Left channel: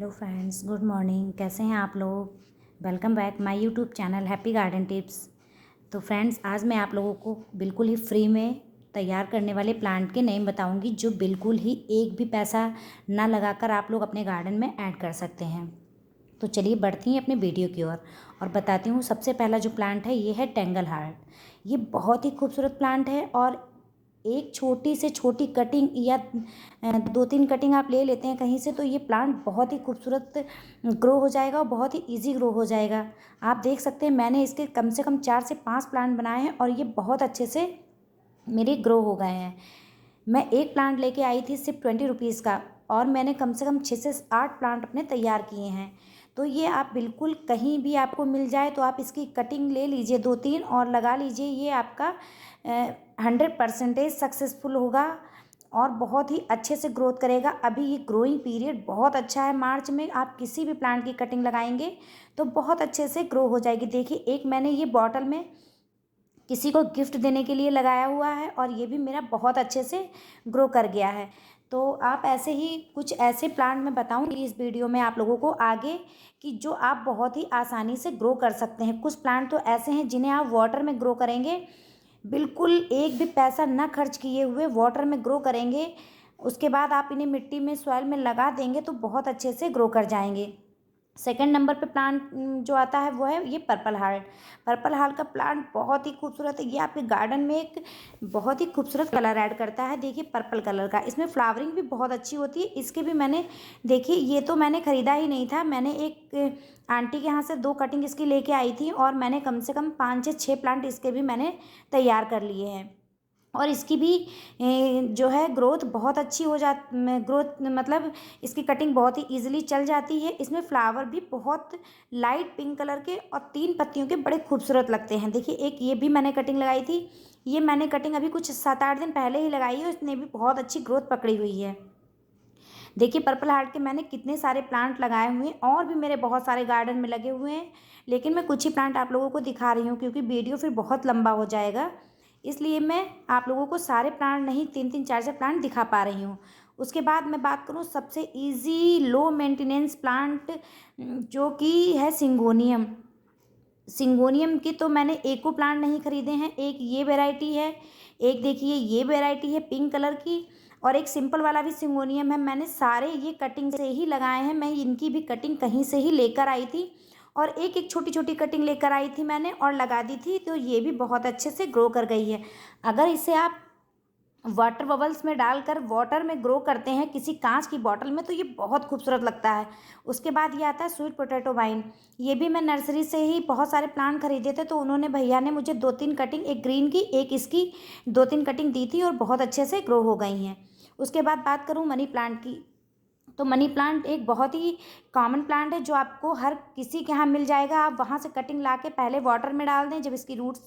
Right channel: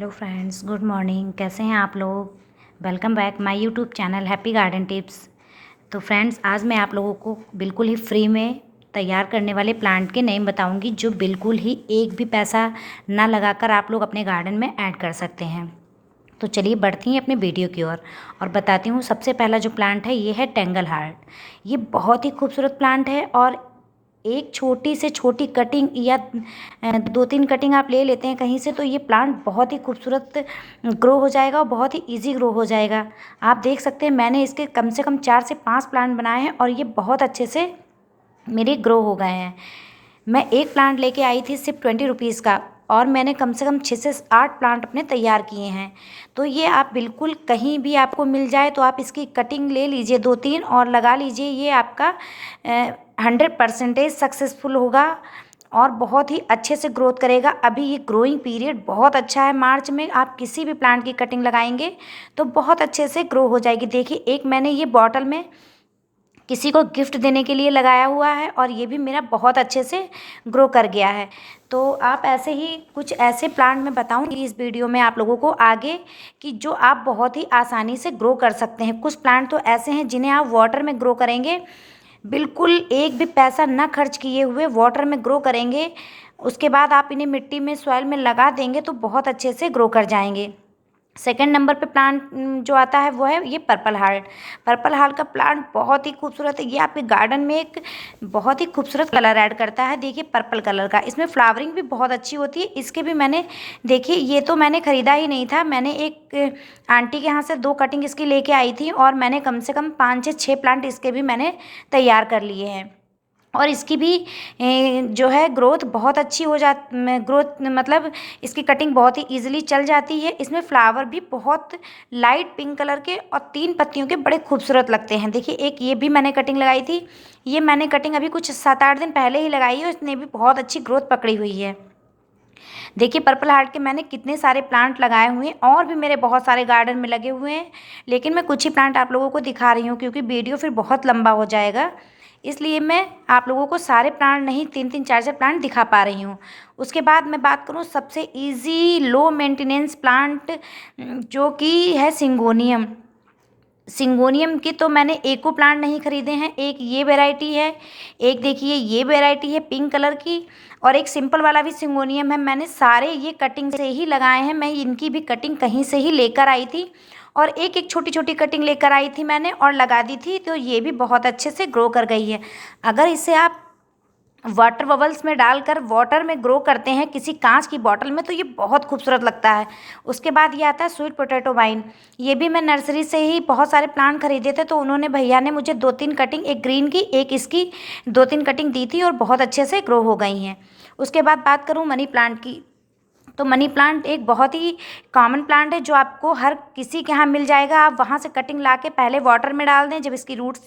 Hello friends, good morning. कैसे हैं आप लोग। Welcome back my YouTube channel happy garden tips. तो फ्रेंड्स, आज मैं आप लोगों को बिल्कुल ही फ्री में तैयार करने वाले प्लांट के नेम बताऊंगी जो बिल्कुल ही एक भी पैसा ना लगाकर आप लोग अपने गार्डन में ऐड कर सकते हैं। तो चलिए बढ़ती हैं अपने वीडियो की ओर और बताती हूँ। सबसे पहला जो प्लांट है ये है टेंगल हार्ट। ये बहुत ही खूबसूरत प्लांट है और एक छोटी से छोटी कटिंग या 2-3 कटिंग आप ले लेते हैं कहीं से तो ये प्लांट बहुत ही खूबसूरत ग्रो हो जाएगा और बहुत ही इजी ग्रो हो जाएगा। आप देख सकते हैं मैंने इसके कम से कम 4 से 5 प्लांट बनाए हैं और ये बहुत अच्छे से मेरे ग्रो हो गए हैं। मैं एक प्लांट लेके आई थी सिर्फ 20 रुपीज़ का और मैंने कम से कम 6 से 8 प्लांट अपने तैयार किए हैं। तो ये आप बिल्कुल कहीं भी आपको मिल जाए तो आप इसकी कटिंग ले लीजिए 2-3 और लगा लीजिए। ये आपका 100% सक्सेसफुल होगा और बहुत ही अच्छे से ग्रोथ करेगा। अभी ये ग्रोइंग पीरियड बहुत अच्छा है। मार्च में आप किसी भी प्लांट की कटिंग लगाएंगे तो बहुत अच्छे से ग्रो हो जाएगी। देखिए, एक मैंने ये बॉटल में किसी को गिफ्ट देने के लिए लगाया हुआ है और ये भी मेरा बहुत अच्छे से ग्रो कर गया है। तो आप ऐसे ही कुछ ऐसे प्लांट मैं बताऊंगी इस वीडियो में आप लोगों को आगे कि जो आप बहुत ही आसानी से ग्रो कर सकते हैं। कुछ प्लांट तो ऐसे हैं जिन्हें आप वाटर में ग्रो करेंगे, बिल्कुल एक भी पैसा ना खर्च किए हुए वाटर में ग्रो करेंगे। उसके बाद आप इन्हें मिट्टी में सॉइल में लगा देंगे तो बहुत अच्छे से ग्रो कर जाएंगे। सेकंड नंबर पे प्लांट जो आता है वो है ये पर्पल हार्ट। पर्पल हार्ट का प्लांट बहुत ही खूबसूरत है। ये आपके गार्डन में एक बहुत ही खूबसूरत कलर ऐड करता है। देखिए, पर्पल कलर का इसमें फ्लावरिंग भी बहुत अच्छी होती है। इसके भी मैंने देखिए, ये तो मैंने ख़रीदा ही नहीं था, मैंने एक आंटी के यहाँ से 2 कटिंग इसकी लेके आई थी और मैंने कम से कम 5 से 6 प्लांट इसके भी मैंने तैयार कर लिए हैं। और इसकी भी जो है ग्रोथ बहुत अच्छी हो जा ग्रोथ मतलब इसकी कटिंग बहुत ही इजीली चल जाती है। इसमें फ्लावर भी बहुत लाइट पिंक कलर के और 3 पत्तियों के बड़े खूबसूरत लगते हैं। देखिए, एक ये भी मैंने कटिंग लगाई थी। ये मैंने कटिंग अभी कुछ 7-8 दिन पहले ही लगाई है, इसने भी बहुत अच्छी ग्रोथ पकड़ी हुई है। देखिए, पर्पल हार्ट के मैंने कितने सारे प्लांट लगाए हुए हैं और भी मेरे बहुत सारे गार्डन में लगे हुए हैं, लेकिन मैं कुछ ही प्लांट आप लोगों को दिखा रही हूँ क्योंकि वीडियो फिर बहुत लंबा हो जाएगा। इसलिए मैं आप लोगों को सारे प्लांट नहीं, 3-3 4-4 प्लांट दिखा पा रही हूँ। उसके बाद मैं बात करूँ सबसे इजी लो मेंटेनेंस प्लांट जो कि है सिंगोनियम। सिंगोनियम की तो मैंने एको प्लांट नहीं खरीदे हैं। एक ये वैरायटी है, एक देखिए ये वैरायटी है पिंक कलर की और एक सिंपल वाला भी सिंगोनियम है। मैंने सारे ये कटिंग से ही लगाए हैं। मैं इनकी भी कटिंग कहीं से ही लेकर आई थी और एक एक छोटी छोटी कटिंग लेकर आई थी मैंने और लगा दी थी, तो ये भी बहुत अच्छे से ग्रो कर गई है। अगर इसे आप वाटर बबल्स में डालकर वाटर में ग्रो करते हैं किसी कांच की बॉटल में तो ये बहुत खूबसूरत लगता है। उसके बाद ये आता है स्वीट पोटैटो वाइन। ये भी मैं नर्सरी से ही बहुत सारे प्लांट खरीदे थे तो उन्होंने भैया ने मुझे 2-3 कटिंग, एक ग्रीन की एक इसकी 2-3 कटिंग दी थी और बहुत अच्छे से ग्रो हो गई हैं। उसके बाद बात करूँ मनी प्लांट की, तो मनी प्लांट एक बहुत ही कॉमन प्लांट है जो आपको हर किसी के यहाँ मिल जाएगा। आप वहाँ से कटिंग ला के पहले वाटर में डाल दें, जब इसकी रूट्स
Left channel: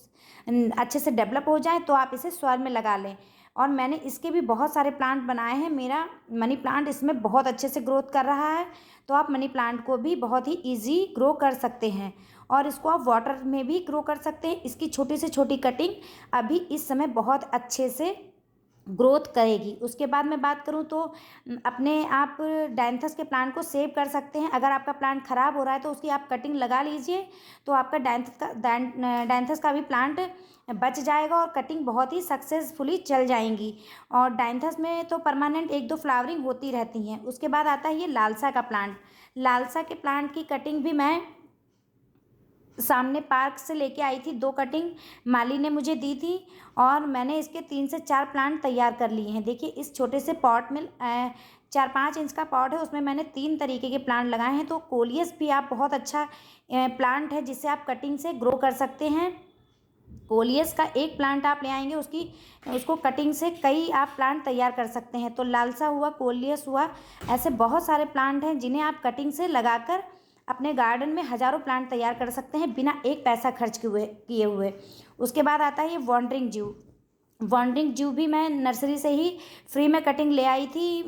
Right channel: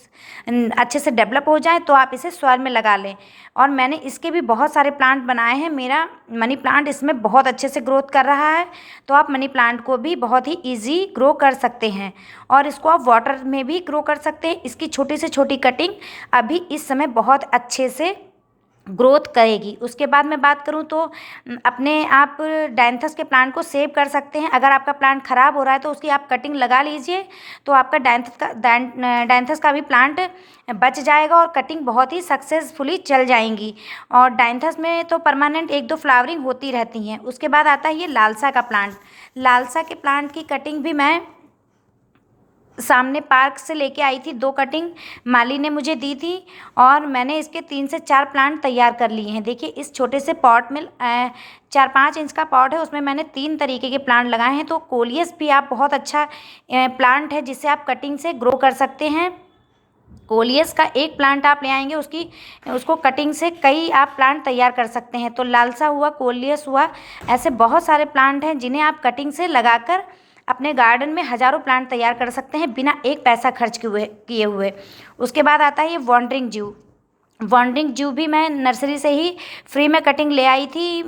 अच्छे से डेवलप हो जाए तो आप इसे सॉइल में लगा लें। और मैंने इसके भी बहुत सारे प्लांट बनाए हैं। मेरा मनी प्लांट इसमें बहुत अच्छे से ग्रोथ कर रहा है। तो आप मनी प्लांट को भी बहुत ही ईजी ग्रो कर सकते हैं और इसको आप वाटर में भी ग्रो कर सकते हैं। इसकी छोटी से छोटी कटिंग अभी इस समय बहुत अच्छे से ग्रोथ करेगी। उसके बाद मैं बात करूं तो अपने आप डायंथस के प्लांट को सेव कर सकते हैं। अगर आपका प्लांट ख़राब हो रहा है तो उसकी आप कटिंग लगा लीजिए तो आपका डायंथस का भी प्लांट बच जाएगा और कटिंग बहुत ही सक्सेसफुली चल जाएंगी। और डायंथस में तो परमानेंट 1-2 फ्लावरिंग होती रहती हैं। उसके बाद आता है ये लालसा का प्लांट। लालसा के प्लांट की कटिंग भी मैं सामने पार्क से लेके आई थी, 2 कटिंग माली ने मुझे दी थी और मैंने इसके 3 से 4 प्लांट तैयार कर लिए हैं। देखिए, इस छोटे से पॉट में 4-5 इंच का पॉट है, उसमें मैंने 3 तरीके के प्लांट लगाए हैं। तो कोलियस भी आप बहुत अच्छा प्लांट है जिसे आप कटिंग से ग्रो कर सकते हैं। कोलियस का एक प्लांट आप ले आएंगे, उसको कटिंग से कई आप प्लांट तैयार कर सकते हैं। तो लालसा हुआ, कोलियस हुआ, ऐसे बहुत सारे प्लांट हैं जिन्हें आप कटिंग से लगाकर अपने गार्डन में हज़ारों प्लांट तैयार कर सकते हैं बिना एक पैसा खर्च किए हुए। उसके बाद आता है ये वॉन्डरिंग जू। वॉन्डरिंग जू भी मैं नर्सरी से ही फ्री में कटिंग ले आई थी।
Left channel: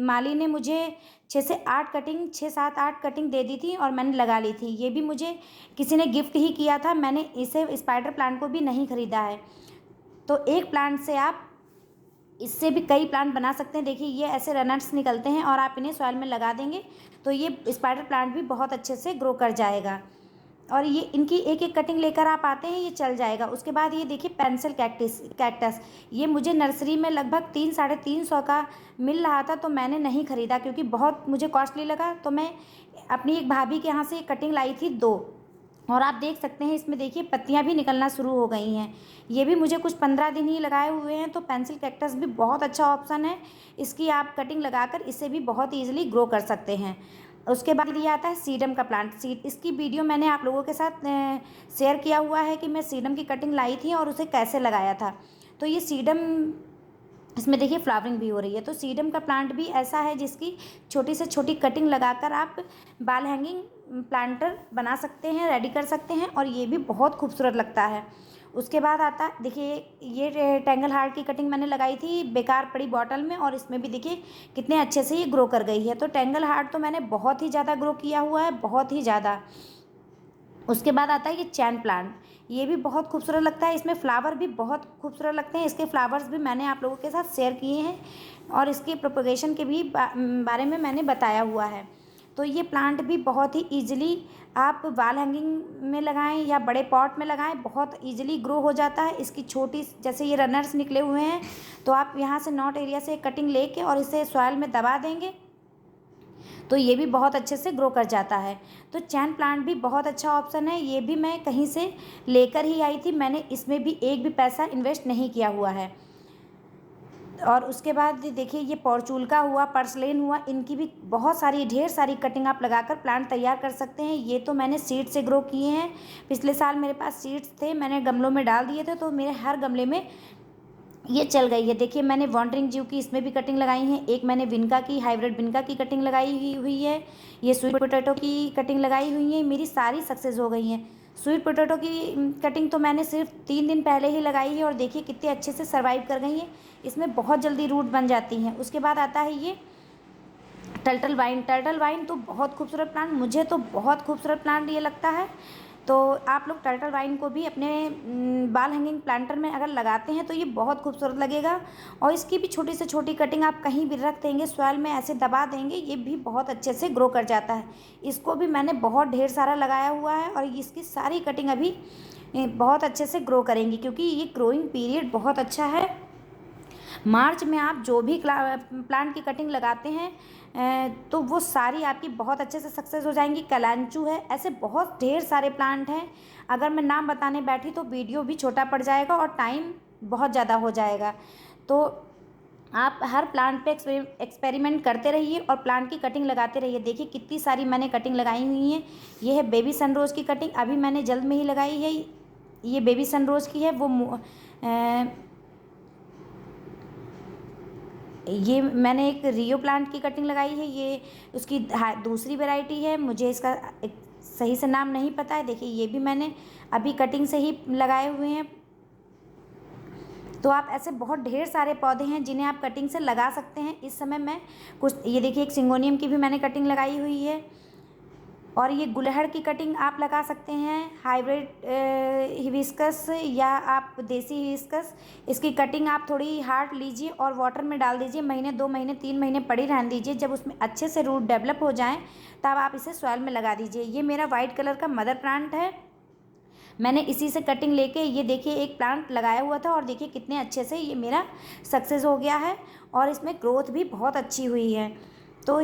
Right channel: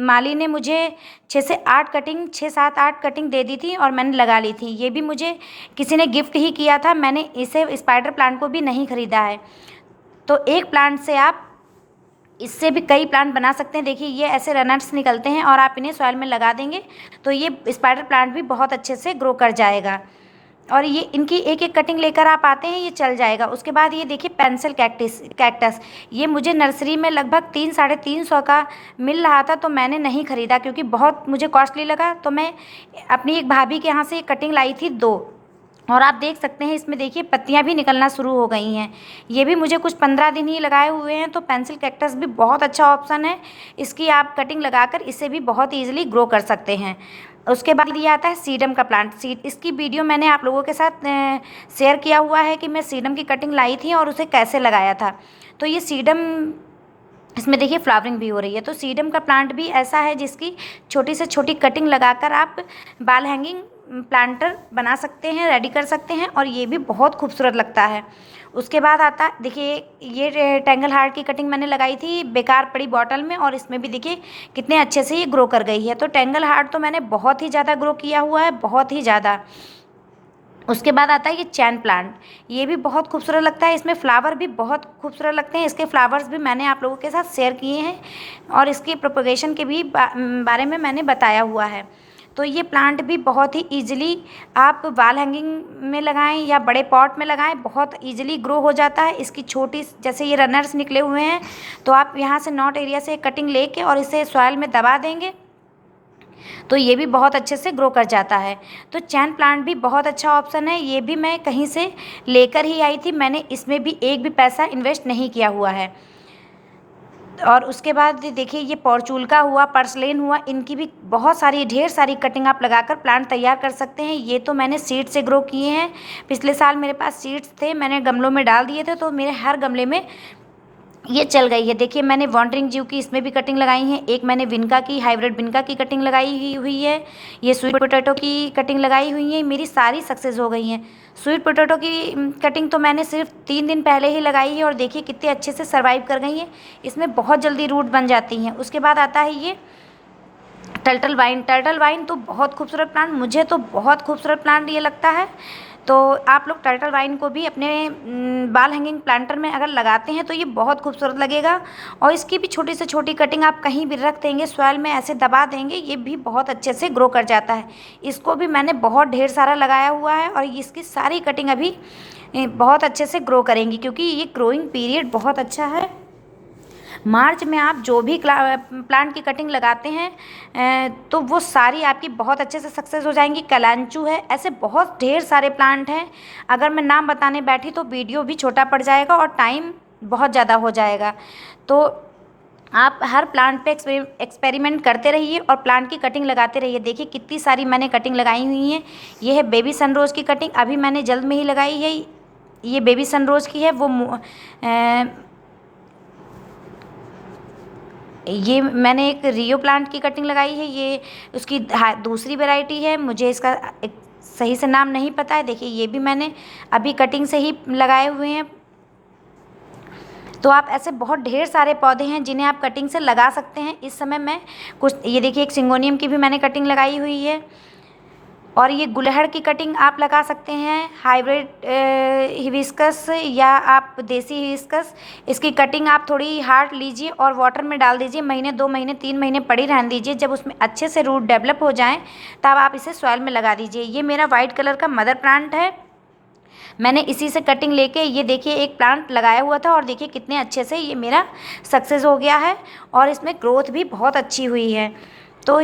माली ने मुझे 6-7-8 कटिंग दे दी थी और मैंने लगा ली थी। ये भी मुझे किसी ने गिफ्ट ही किया था, मैंने इसे स्पाइडर प्लांट को भी नहीं ख़रीदा है। तो एक प्लांट से आप इससे भी कई प्लांट बना सकते हैं। देखिए ये ऐसे रनर्स निकलते हैं और आप इन्हें सॉइल में लगा देंगे तो ये स्पाइडर प्लांट भी बहुत अच्छे से ग्रो कर जाएगा। और ये इनकी एक एक कटिंग लेकर आप आते हैं, ये चल जाएगा। उसके बाद ये देखिए पेंसिल कैक्टस, ये मुझे नर्सरी में लगभग 300-350 का मिल रहा था, तो मैंने नहीं ख़रीदा क्योंकि बहुत मुझे कॉस्टली लगा। तो मैं अपनी एक भाभी के यहाँ से कटिंग लाई थी 2, और आप देख सकते हैं इसमें देखिए पत्तियां भी निकलना शुरू हो गई हैं। ये भी मुझे कुछ 15 दिन ही लगाए हुए हैं। तो पेंसिल कैक्टस भी बहुत अच्छा ऑप्शन है, इसकी आप कटिंग लगाकर इसे भी बहुत ईजिली ग्रो कर सकते हैं। उसके बाद ये आता है सीडम का प्लांट। इसकी वीडियो मैंने आप लोगों के साथ शेयर किया हुआ है कि मैं सीडम की कटिंग लाई थी और उसे कैसे लगाया था। तो ये सीडम, इसमें देखिए फ्लावरिंग भी हो रही है। तो सीडम का प्लांट भी ऐसा है जिसकी छोटी से छोटी कटिंग लगाकर आप बाल हैंगिंग प्लांटर बना सकते हैं, रेडी कर सकते हैं, और ये भी बहुत खूबसूरत लगता है। उसके बाद आता देखिए ये टेंगल हार्ट की कटिंग मैंने लगाई थी बेकार पड़ी बॉटल में, और इसमें भी देखिए कितने अच्छे से ये ग्रो कर गई है। तो टेंगल हार्ट तो मैंने बहुत ही ज़्यादा ग्रो किया हुआ है, बहुत ही ज़्यादा। उसके बाद आता है ये चैन प्लांट, ये भी बहुत खूबसूरत लगता है। इसमें फ्लावर भी बहुत खूबसूरत लगते हैं, इसके फ्लावर्स भी मैंने आप लोगों के साथ शेयर किए हैं और इसकी प्रोपगेशन के भी बारे में मैंने बताया हुआ है। तो ये प्लांट भी बहुत ही ईजिली आप वॉल हैंगिंग में लगाएं या बड़े पॉट में लगाएं, बहुत ईजिली ग्रो हो जाता है। इसकी छोटी जैसे ये रनर्स निकले हुए हैं, तो आप यहाँ से नॉट एरिया से कटिंग लेके और इसे सॉइल में दबा देंगे तो ये भी बहुत अच्छे से ग्रो कर जाता है। तो चैन प्लांट भी बहुत अच्छा ऑप्शन है, ये भी मैं कहीं से लेकर ही आई थी, मैंने इसमें भी एक भी पैसा इन्वेस्ट नहीं किया हुआ है। और उसके बाद देखिए ये पॉर्चुलका हुआ, पर्सलेन हुआ, इनकी भी बहुत सारी ढेर सारी कटिंग आप लगाकर प्लांट तैयार कर सकते हैं। ये तो मैंने सीड से ग्रो किए हैं, पिछले साल मेरे पास सीड्स थे, मैंने गमलों में डाल दिए थे, तो मेरे हर गमले में ये चल गई है। देखिए मैंने वॉन्डरिंग जीव की इसमें भी कटिंग लगाई है, एक मैंने विनका की हाइब्रिड विनका की कटिंग लगाई हुई है, ये स्वीट पोटैटो की कटिंग लगाई हुई है, मेरी सारी सक्सेस हो गई हैं। स्वीट पोटैटो की कटिंग तो मैंने सिर्फ 3 दिन पहले ही लगाई है और देखिए कितने अच्छे से सर्वाइव कर गई है, इसमें बहुत जल्दी रूट बन जाती हैं। उसके बाद आता है ये टर्टल वाइन तो बहुत खूबसूरत प्लांट, मुझे तो बहुत खूबसूरत प्लांट ये लगता है। तो आप लोग टर्टल वाइन को भी अपने बाल हैंगिंग प्लांटर में अगर लगाते हैं तो ये बहुत खूबसूरत लगेगा। और इसकी भी छोटी से छोटी कटिंग आप कहीं भी रख देंगे, सॉइल में ऐसे दबा देंगे, ये भी बहुत अच्छे से ग्रो कर जाता है। इसको भी मैंने बहुत ढेर सारा लगाया हुआ है और इसकी सारी कटिंग अभी बहुत अच्छे से ग्रो करेंगी क्योंकि ये ग्रोइंग पीरियड बहुत अच्छा है। मार्च में आप जो भी प्लांट की कटिंग लगाते हैं तो वो सारी आपकी बहुत अच्छे से सक्सेस हो जाएंगी। कलांचू है, ऐसे बहुत ढेर सारे प्लांट हैं, अगर मैं नाम बताने बैठी तो वीडियो भी छोटा पड़ जाएगा और टाइम बहुत ज़्यादा हो जाएगा। तो आप हर प्लांट पे एक्सपेरिमेंट करते रहिए और प्लांट की कटिंग लगाते रहिए। देखिए कितनी सारी मैंने कटिंग लगाई हुई हैं। ये है बेबी सनरोज की कटिंग, अभी मैंने जल्द में ही लगाई है, ये बेबी सनरोज की है। ये मैंने एक रियो प्लांट की कटिंग लगाई है, ये उसकी दूसरी वैरायटी है, मुझे इसका एक सही से नाम नहीं पता है। देखिए ये भी मैंने अभी कटिंग से ही लगाए हुए हैं। तो आप ऐसे बहुत ढेर सारे पौधे हैं जिन्हें आप कटिंग से लगा सकते हैं। इस समय मैं कुछ, ये देखिए एक सिंगोनियम की भी मैंने कटिंग लगाई हुई है, और ये गुलहड़ की कटिंग आप लगा सकते हैं, हाइब्रिड हिबिस्कस या आप देसी हिबिस्कस। इसकी कटिंग आप थोड़ी हार्ड लीजिए और वाटर में डाल दीजिए, महीने 2 महीने 3 महीने पड़ी रहने दीजिए। जब उसमें अच्छे से रूट डेवलप हो जाएं तब आप इसे सॉइल में लगा दीजिए। ये मेरा वाइट कलर का मदर प्लांट है, मैंने इसी से कटिंग लेके ये देखिए एक प्लांट लगाया हुआ था और देखिए कितने अच्छे से ये मेरा सक्सेस हो गया है और इसमें ग्रोथ भी बहुत अच्छी हुई है। तो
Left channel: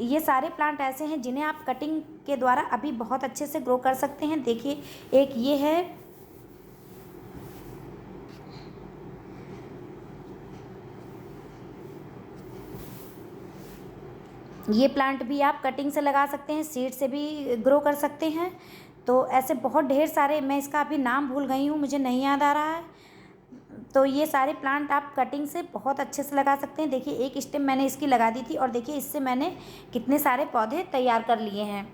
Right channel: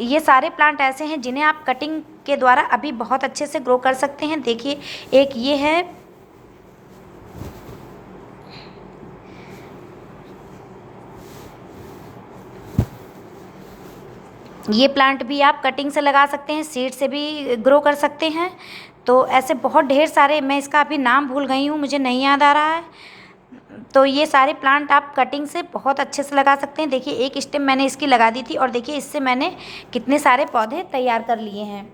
ये सारे प्लांट ऐसे हैं जिन्हें आप कटिंग के द्वारा अभी बहुत अच्छे से ग्रो कर सकते हैं। देखिए एक ये है, ये प्लांट भी आप कटिंग से लगा सकते हैं, सीड से भी ग्रो कर सकते हैं। तो ऐसे बहुत ढेर सारे, मैं इसका अभी नाम भूल गई हूँ, मुझे नहीं याद आ रहा है। तो ये सारे प्लांट आप कटिंग से बहुत अच्छे से लगा सकते हैं। देखिए एक स्टेम मैंने इसकी लगा दी थी और देखिए इससे मैंने कितने सारे पौधे तैयार कर लिए हैं।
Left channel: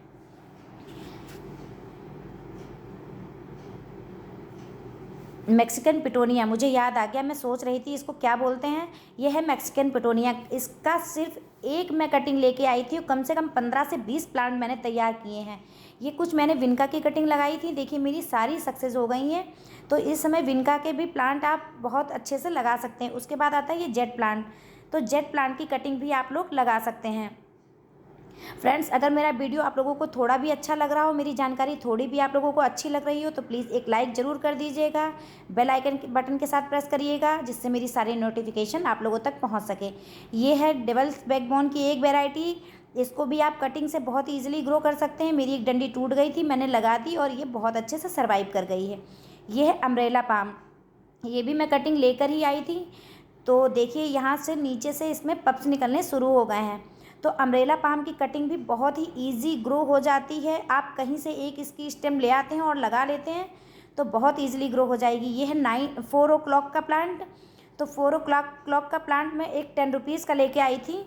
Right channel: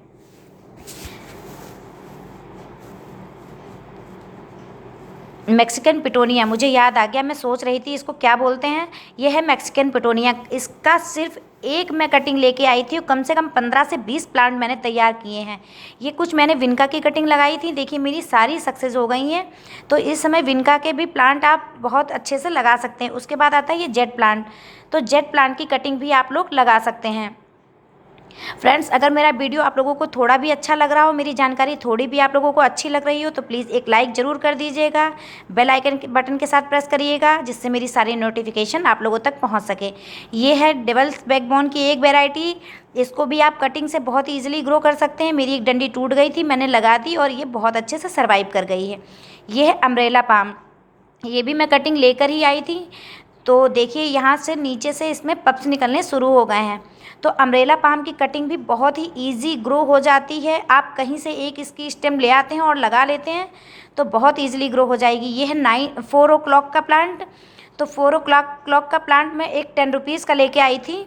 मैक्सिकन पिटोनिया, मुझे याद आ गया, मैं सोच रही थी इसको क्या बोलते हैं, ये है मैक्सिकन पिटोनिया। इसका सिर्फ एक मैं कटिंग लेके आई थी, कम से कम 15 से 20 प्लांट मैंने तैयार किए हैं। ये कुछ मैंने विनका की कटिंग लगाई थी, देखिए मेरी सारी सक्सेस हो गई हैं। तो इस समय विनका के भी प्लांट आप बहुत अच्छे से लगा सकते हैं। उसके बाद आता है ये जेट प्लांट, तो जेट प्लांट की कटिंग भी आप लोग लगा सकते हैं। फ्रेंड्स, अगर मेरा वीडियो आप लोगों को थोड़ा भी अच्छा लग रहा हो, मेरी जानकारी थोड़ी भी आप लोगों को अच्छी लग रही हो, तो प्लीज़ एक लाइक ज़रूर कर दीजिएगा। बेल आइकन के बटन के साथ प्रेस करिएगा, जिससे मेरी सारी नोटिफिकेशन आप लोगों तक पहुंच सके। ये है डेवल्स बैकबोन की एक वैरायटी, इसको भी आप कटिंग से बहुत ईजिली ग्रो कर सकते हैं। मेरी एक डंडी टूट गई थी, मैंने लगा दी और ये बहुत अच्छे से सर्वाइव कर गई है। ये है अम्ब्रेला पाम, ये भी मैं कटिंग लेकर ही आई थी। तो देखिए यहाँ से नीचे से इसमें पप्स निकलने शुरू हो गए हैं। तो अम्ब्रेला पाम की कटिंग भी बहुत ही इजी ग्रो हो जाती है। आप कहीं से एक इसकी स्टेम ले आते हैं और लगा लेते हैं तो बहुत ईजिली ग्रो हो जाएगी। ये है 4 o'clock का प्लांट। तो 4 o'clock का प्लांट मैं एक 10 रुपीज़ का लेके आई थी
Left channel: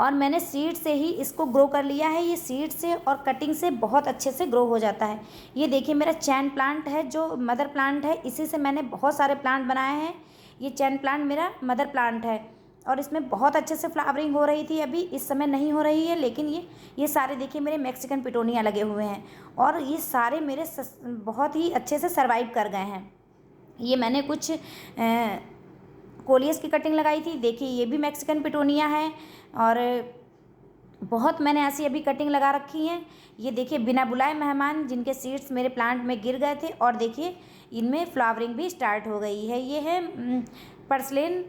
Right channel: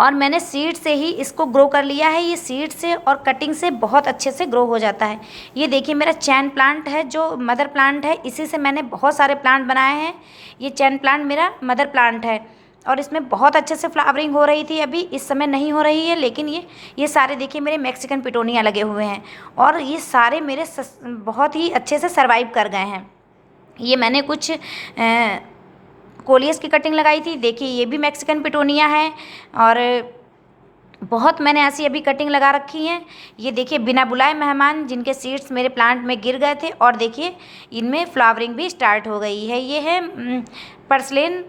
और मैंने सीड से ही इसको ग्रो कर लिया है। ये सीड से और कटिंग से बहुत अच्छे से ग्रो हो जाता है। ये देखिए मेरा चैन प्लांट है जो मदर प्लांट है, इसी से मैंने बहुत सारे प्लांट बनाए हैं। ये चैन प्लांट मेरा मदर प्लांट है और इसमें बहुत अच्छे से फ्लावरिंग हो रही थी। अभी इस समय नहीं हो रही है, लेकिन ये सारे देखिए मेरे मैक्सिकन पिटोनिया लगे हुए हैं और ये सारे मेरे बहुत ही अच्छे से सर्वाइव कर गए हैं। ये मैंने कुछ कोलियस की कटिंग लगाई थी, देखिए ये भी मैक्सिकन पिटोनिया है और बहुत मैंने ऐसी अभी कटिंग लगा रखी हैं। ये देखिए बिना बुलाए मेहमान, जिनके सीड्स मेरे प्लांट में गिर गए थे और देखिए इनमें फ्लावरिंग भी स्टार्ट हो गई है। ये है पर्सलेन,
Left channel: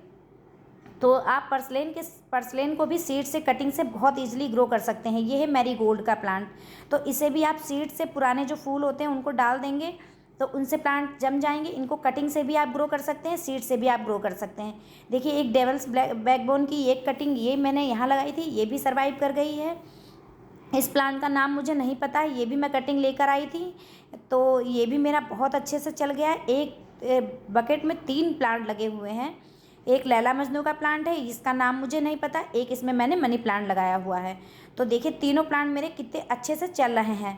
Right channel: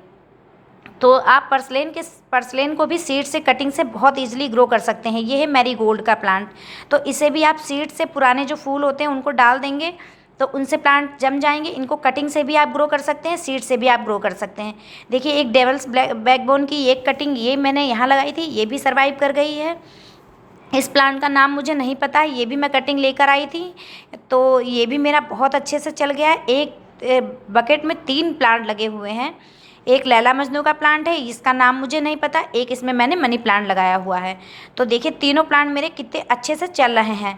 तो आप पर्सलेन को भी सीड से कटिंग से बहुत इजीली ग्रो कर सकते हैं। ये है मैरीगोल्ड का प्लांट, तो इसे भी आप सीड से पुराने जो फूल होते हैं उनको डाल देंगे तो उनसे प्लांट जम जाएंगे। इनको कटिंग से भी आप ग्रो कर सकते हैं, सीड से भी आप ग्रो कर सकते हैं। देखिए एक डेवल्स बैकबोन की एक कटिंग ये मैंने यहाँ लगाई थी, ये भी सर्वाइव कर गई है। इस प्लांट का नाम मुझे नहीं पता है, ये भी मैं कटिंग लेकर आई थी, तो ये भी मेरा बहुत अच्छे से चल गया है। एक बकेट में 3 प्लांट लगे हुए हैं। एक लैला मजनू का प्लांट है, इसका नाम मुझे नहीं पता। एक इसमें मैंने मनी प्लांट लगाया हुआ है। तो देखिए तीनों प्लांट मेरे कितने अच्छे से चल रहे हैं।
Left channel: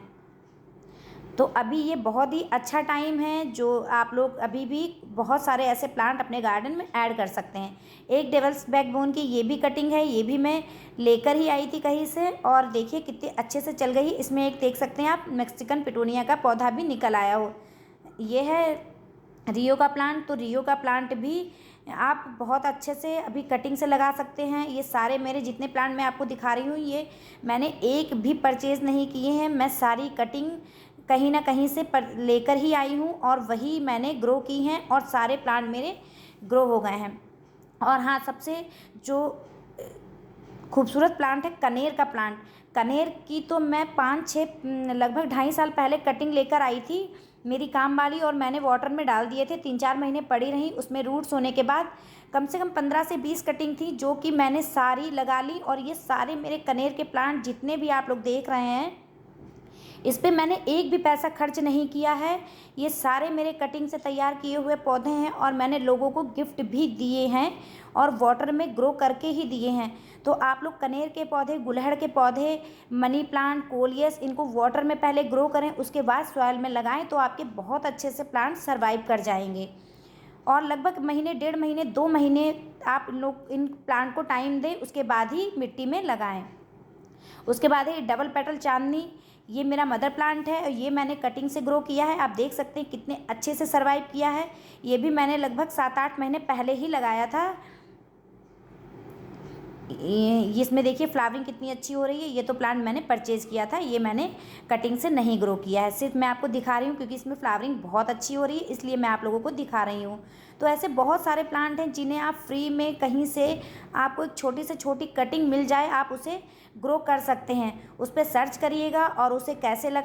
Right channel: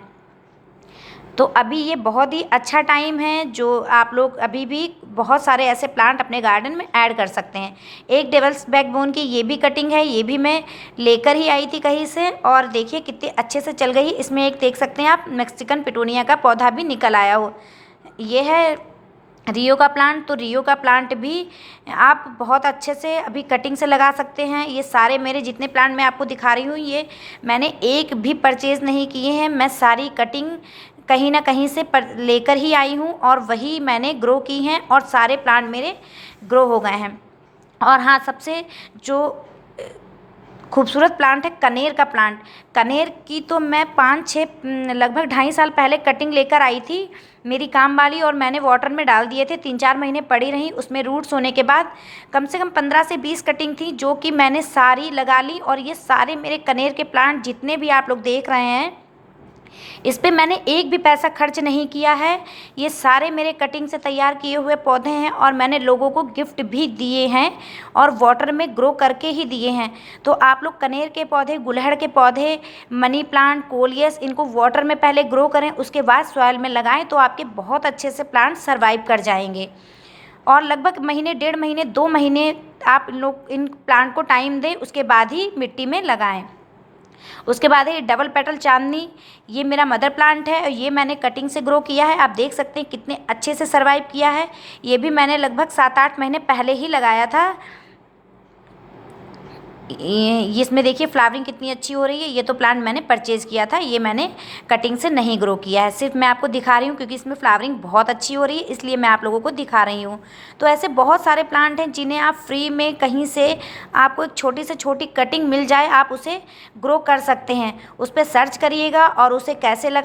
तो अभी ये बहुत ही अच्छा टाइम है जो आप लोग अभी भी बहुत सारे ऐसे प्लांट अपने गार्डन में ऐड कर सकते हैं। एक डेवल्स बैकबोन की ये भी कटिंग है, ये भी मैं लेकर ही आई थी कहीं से और देखिए कितने अच्छे से चल गई। इसमें एक देख सकते हैं आप मैक्सिकन पिटोनिया का पौधा भी निकल आया हो। ये है रियो का प्लांट, तो रियो का प्लांट भी आप बहुत अच्छे से अभी कटिंग से लगा सकते हैं। ये सारे मेरे जितने प्लांट मैं आपको दिखा रही हूँ ये मैंने एक भी परचेज़ नहीं किए हैं। मैं सारी कटिंग कहीं ना कहीं से लेकर ही आई हूँ और वही मैंने ग्रो की हैं और सारे प्लांट मेरे ग्रो हो गए हैं। और हाँ, सबसे जो खूबसूरत प्लांट है कनेर का प्लांट। कनेर की तो मैं 5-6 लगभग 2.5 साल पहले कटिंग लेकर आई थी मेरी काम वाली और मैंने वाटर में डाल दिए थे। 3-4 महीने पड़ी रही, उसमें रूट्स होने के बाद कम से कम 15 से 20 कटिंग थी जो कि मैंने सारी लगा ली। और ये सारे मेरे कनेर के प्लांट जितने भी आप लोग देख रहे हैं इस पे मैंने एक भी पैसा खर्च नहीं किया है। ये सारे मेरे कटिंग से तैयार किए हुए पौधे हैं और मैंने लोगों को गिफ्ट भी दिए हैं और वाटर में ग्रो करके ही दिए हैं। तो आप लोग कनेर के पौधे, गुलहड़ के पौधे, मनी प्लांट, कोलियस, इनको वाटर में पहले ग्रो करें, उसके बाद सॉइल में लगाएं तो आपके बहुत अच्छे से प्लांट सर्वाइव कर जाएंगे। और लगभग महीने, 1.5 महीने, 2 महीने आप लोग इन प्लांट को टाइम दें, उसके बाद ही मिट्टी में लगाएं। उसके बाद है डबल पेटल चांदनी, ये मेरा मदर प्लांट है और ये मैंने कटिंग से ग्रो किया है। आप देख सकते हैं कितने अच्छे से सर्वाइव किया है। ये भी मैंने लगभग 7-8 महीने पहले ही लगाया था। ये इसमें देखिए फ्लावरिंग कितनी अच्छी हो रही है। ये तो प्लांट मैंने परचेज़ किया था, ये मैंने कटिंग से नहीं ग्रो किया है, सिर्फ मैं आपको दिखा रही हूँ क्योंकि इसमें फ्लावरिंग बहुत अच्छी हो रही है, इसलिए मैं आप लोगों को दिखा रही हूँ। तो ऐसे बहुत सारे प्लांट हैं जिन्हें आप फ्री में कहीं से आपको एक छोटी से छोटी कटिंग मिल जाए, आप उसे ग्रो कर सकते हैं। उस पर सर्च करिएगा और उसे कैसे